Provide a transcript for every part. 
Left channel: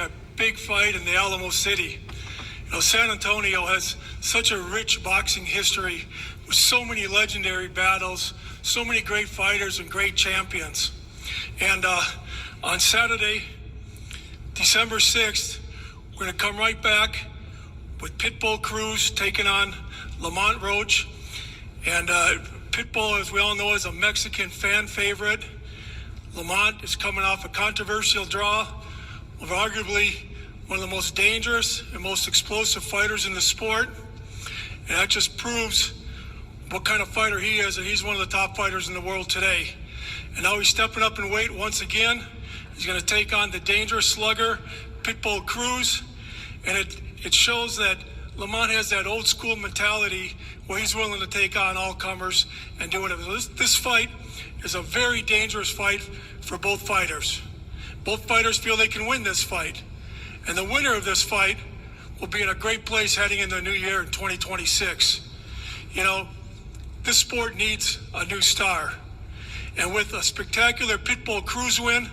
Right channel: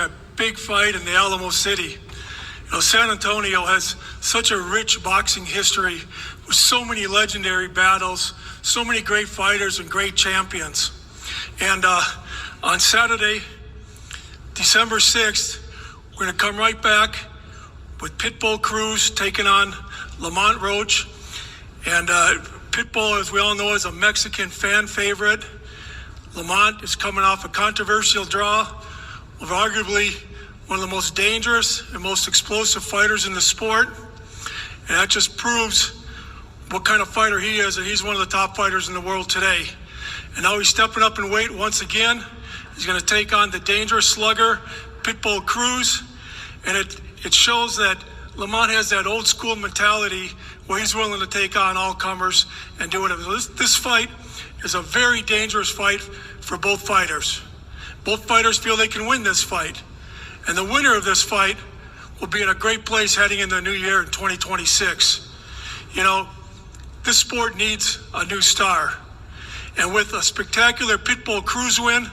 a big fight in the Alamo City. San Antonio has such a rich boxing history with so many legendary battles, so many great fighters and great champions. And on Saturday, December 6th, we're going to come right back with Pitbull Cruz taking on Lamont Roach. And Pitbull, as we all know, is a Mexican fan favorite. Lamont is coming off a controversial draw of arguably one of the most dangerous and most explosive fighters in the sport. And that just proves what kind of fighter he is, and he's one of the top fighters in the world today. And now he's stepping up in weight once again. He's going to take on the dangerous slugger, Pitbull Cruz. And it shows that Lamont has that old school mentality where he's willing to take on all comers and do it. This fight is a very dangerous fight for both fighters. Both fighters feel they can win this fight. And the winner of this fight will be in a great place heading into the new year in 2026. This sport needs a new star. And with a spectacular Pitbull Cruz win,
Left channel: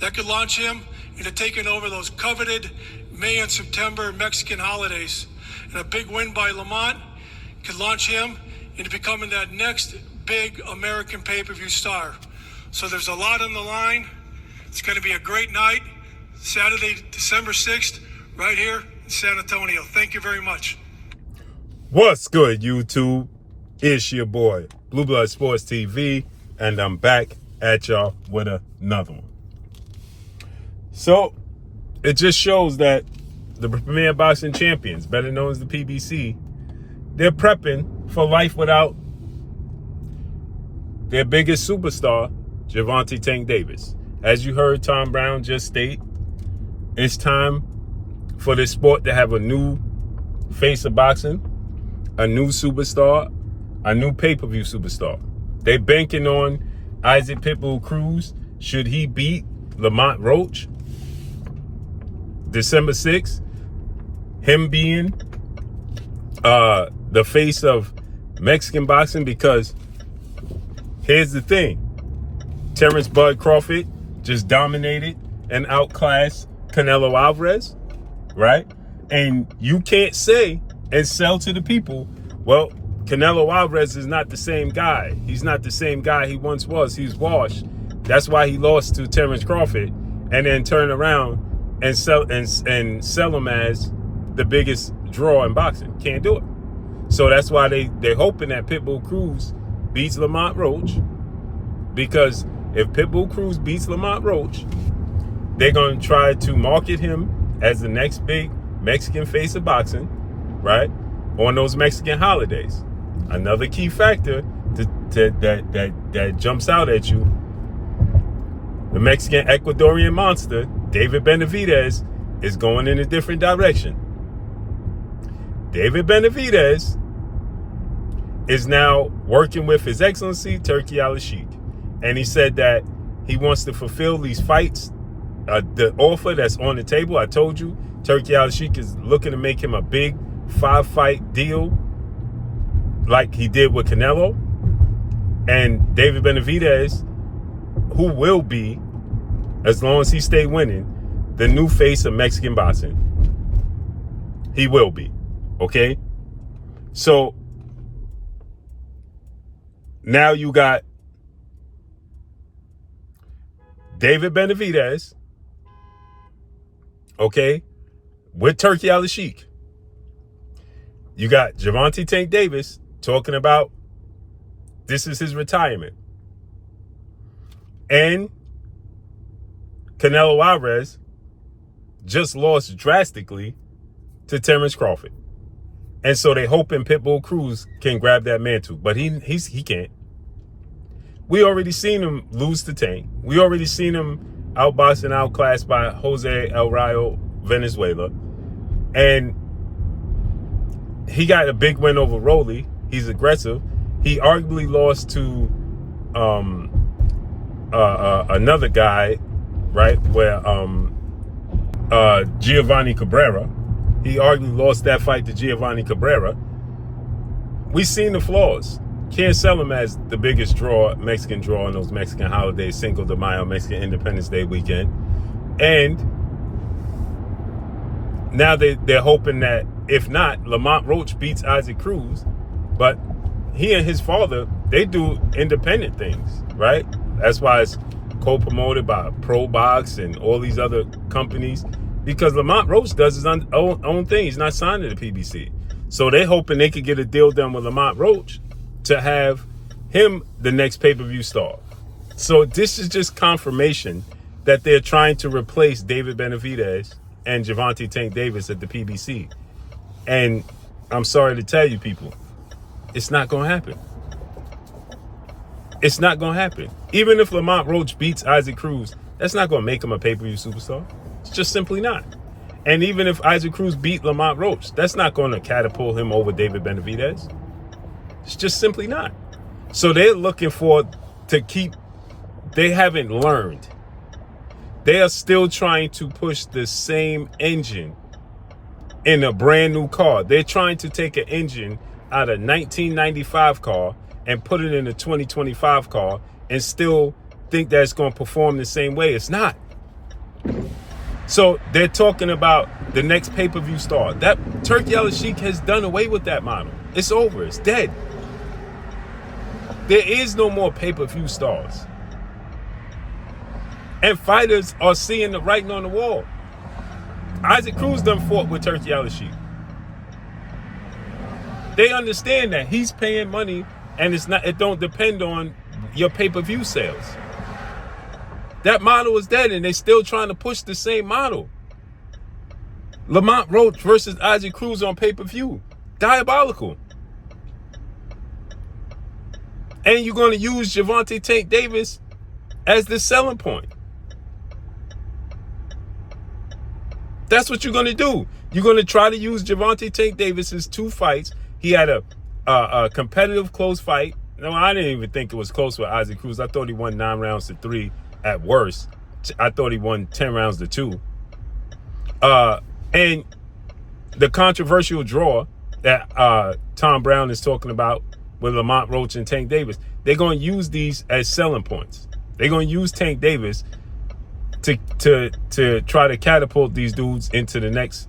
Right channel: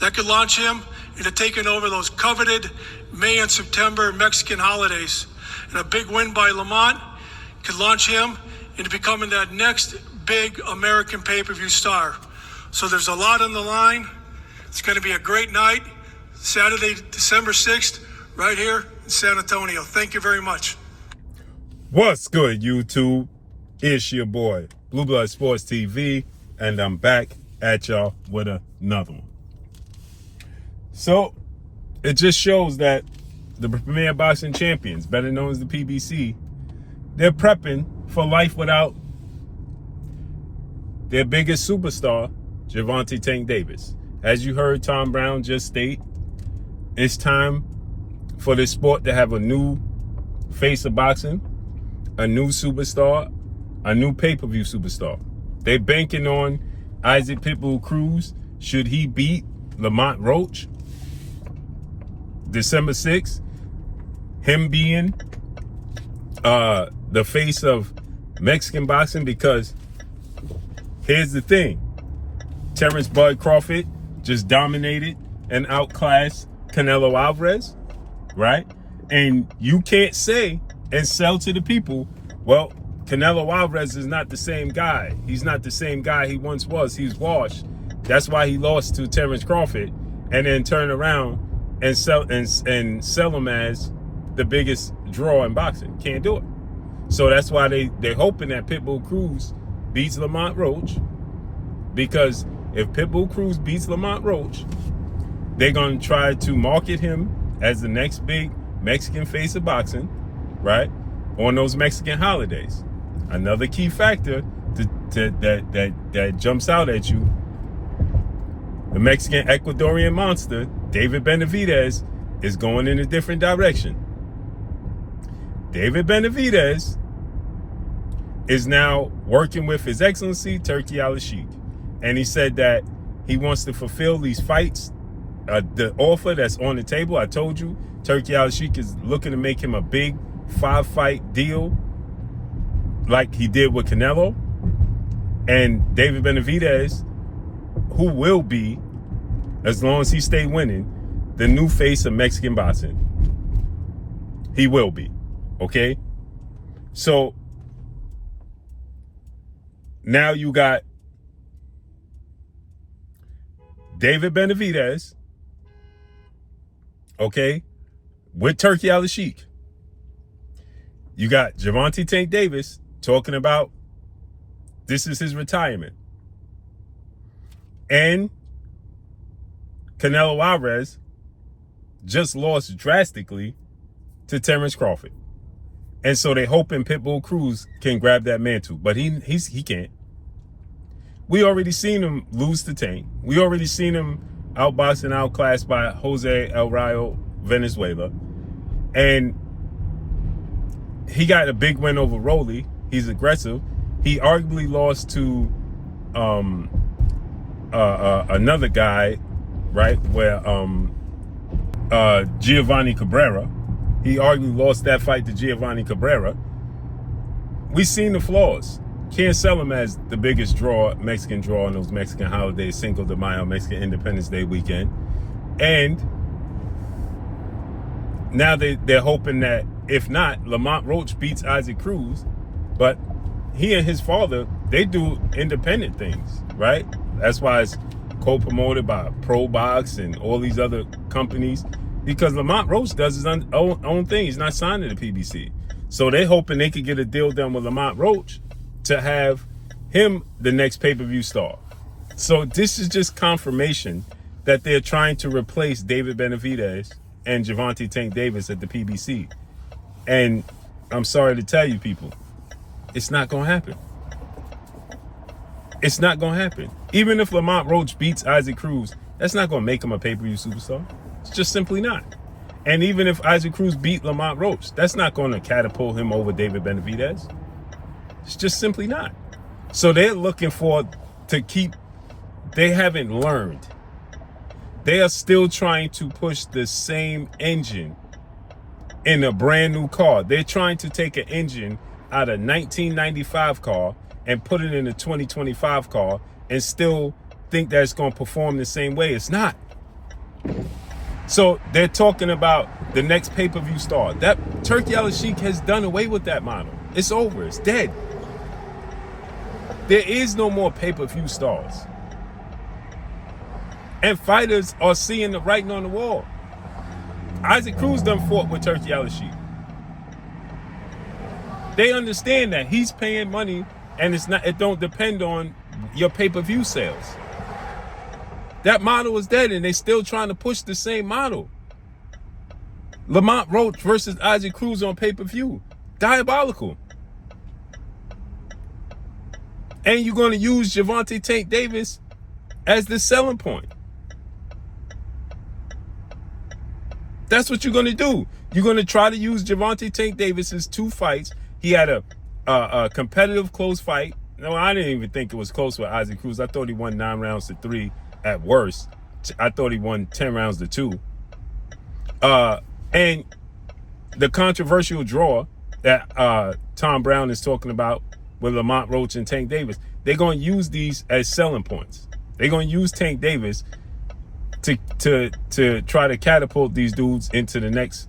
that could launch him into taking over those coveted May and September Mexican holidays. And a big win by Lamont could launch him into becoming that next big American pay-per-view star. So there's a lot on the line. It's going to be a great night. Saturday, December 6th, right here in San Antonio. Thank you very much. What's good, YouTube? It's your boy, Blue Blood Sports TV, and I'm back at y'all with another one. So, it just shows that the Premier Boxing Champions, better known as the PBC, they're prepping for life without their biggest superstar, Gervonta Tank Davis. As you heard Tom Brown just state, it's time for this sport to have a new face of boxing, a new superstar, a new pay-per-view superstar. They're banking on Isaac Pitbull Cruz. Should he beat Lamont Roach December 6th, him being the face of Mexican boxing, because here's the thing. Terrence Bud Crawford just dominated and outclassed Canelo Alvarez, right? And you can't say and sell to the people, well, Canelo Alvarez is not the same guy. He's not the same guy he once was. He's washed. That's why he lost to Terrence Crawford, and then turn around and sell him as the biggest draw in boxing. Can't do it. So that's why they're hoping that Pitbull Cruz beats Lamont Roach, because if Pitbull Cruz beats Lamont Roach, they're going to try to market him as the next big Mexican face of boxing, right, on those Mexican holidays. Another key factor that jumps out at you, the Mexican Ecuadorian monster, David Benavidez, is going in a different direction. David Benavidez is now working with His Excellency Turki Al-Sheikh. And he said that he wants to fulfill these fights, the offer that's on the table. I told you, Turki Al-Sheikh is looking to make him a big 5-fight deal like he did with Canelo. And David Benavidez, who will be, as long as he stay winning, the new face of Mexican boxing. He will be, okay? So now you got David Benavidez, okay, with Turki Al-Sheikh. You got Gervonta Tank Davis talking about this is his retirement. And Canelo Alvarez just lost drastically to Terrence Crawford. And so they hoping Pitbull Cruz can grab that mantle, but he can't. We already seen him lose to Tank. We already seen him outboxed and outclassed by Jose El Rayo Venezuela. And he got a big win over Rolly. He's aggressive. He arguably lost to another guy, right, where Giovanni Cabrera. He arguably lost that fight to Giovanni Cabrera. We've seen the flaws. Can't sell him as the biggest draw, Mexican draw on those Mexican holidays, Cinco de Mayo, Mexican Independence Day weekend. And now they're hoping that if not, Lamont Roach beats Isaac Cruz, but he and his father, they do independent things, right? That's why it's co-promoted by Pro Box and all these other companies, because Lamont Roach does his own thing. He's not signed to the PBC. So they're hoping they could get a deal done with Lamont Roach to have him the next pay-per-view star. So this is just confirmation that they're trying to replace David Benavidez and Gervonta Tank Davis at the PBC. And I'm sorry to tell you people, it's not going to happen. It's not going to happen. Even if Lamont Roach beats Isaac Cruz, that's not going to make him a pay-per-view superstar. It's just simply not. And even if Isaac Cruz beat Lamont Roach, that's not going to catapult him over David Benavidez. It's just simply not. So they're looking they haven't learned. They are still trying to push the same engine in a brand new car. They're trying to take an engine out of 1995 car and put it in a 2025 car and still think that it's going to perform the same way. It's not. So they're talking about the next pay-per-view star. That Turkey Al-Sheikh has done away with that model. It's over. It's dead. There is no more pay-per-view stars. And fighters are seeing the writing on the wall. Isaac Cruz done fought with Turkey Al-Sheikh. They understand that he's paying money and it don't depend on your pay-per-view sales. That model is dead and they still trying to push the same model. Lamont Roach versus Isaac Cruz on pay-per-view. Diabolical. And you're going to use Gervonta Tank Davis as the selling point. That's what you're going to do. You're going to try to use Gervonta Tank Davis's 2 fights. He had a competitive close fight. No, I didn't even think it was close with Isaac Cruz. I thought he won 9 rounds to 3 at worst. I thought he won 10 rounds to 2. And the controversial draw that Tom Brown is talking about with Lamont Roach and Tank Davis, they're going to use these as selling points. They're going to use Tank Davis to try to catapult these dudes into the next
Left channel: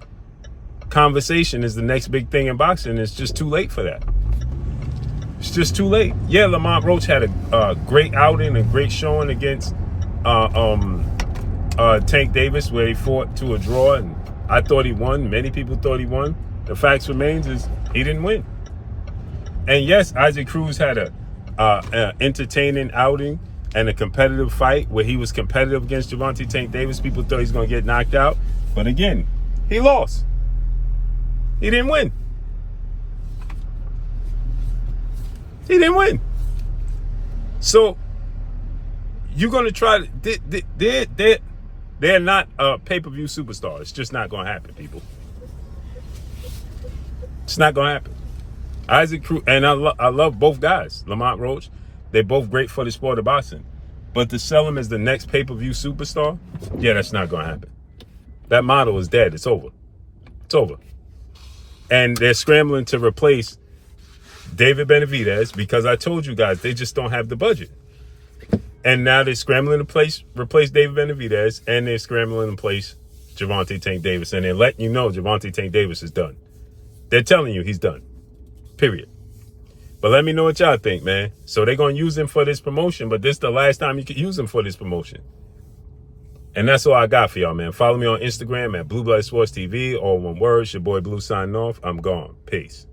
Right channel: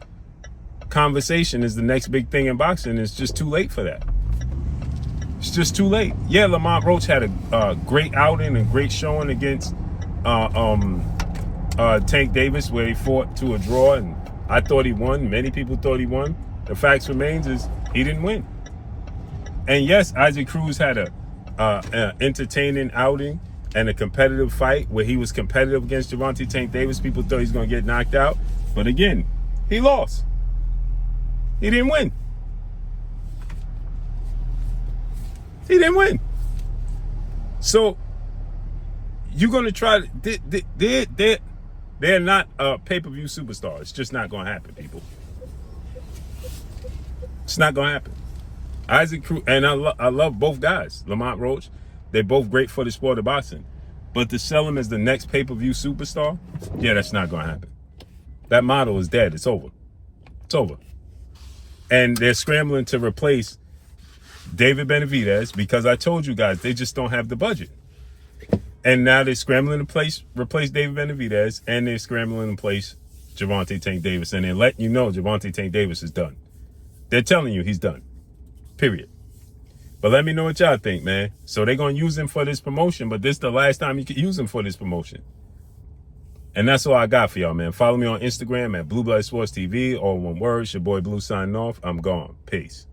conversation, is the next big thing in boxing. It's just too late for that. It's just too late. Yeah, Lamont Roach had a great outing and great showing against Tank Davis, where he fought to a draw, and I thought he won. Many people thought he won. The facts remains is he didn't win. And yes, Isaac Cruz had an entertaining outing and a competitive fight where he was competitive against Gervonta Tank Davis. People thought he was going to get knocked out. But again, he lost. He didn't win. He didn't win. So you're going to try to... They're not a pay-per-view superstar. It's just not going to happen, people. It's not going to happen. Isaac Cruz, and I love both guys, Lamont Roach. They're both great for the sport of boxing. But to sell him as the next pay-per-view superstar, yeah, that's not going to happen. That model is dead. It's over. It's over. And they're scrambling to replace David Benavidez because I told you guys, they just don't have the budget. And now they're scrambling to replace David Benavidez, and they're scrambling to replace Gervonta Tank Davis. And they're letting you know Gervonta Tank Davis is done. They're telling you he's done. Period. But let me know what y'all think, man. So they're going to use him for this promotion, but this is the last time you can use him for this promotion. And that's all I got for y'all, man. Follow me on Instagram at Blue Blood Sports TV, all one word. It's your boy Blue signing off. I'm gone. Peace.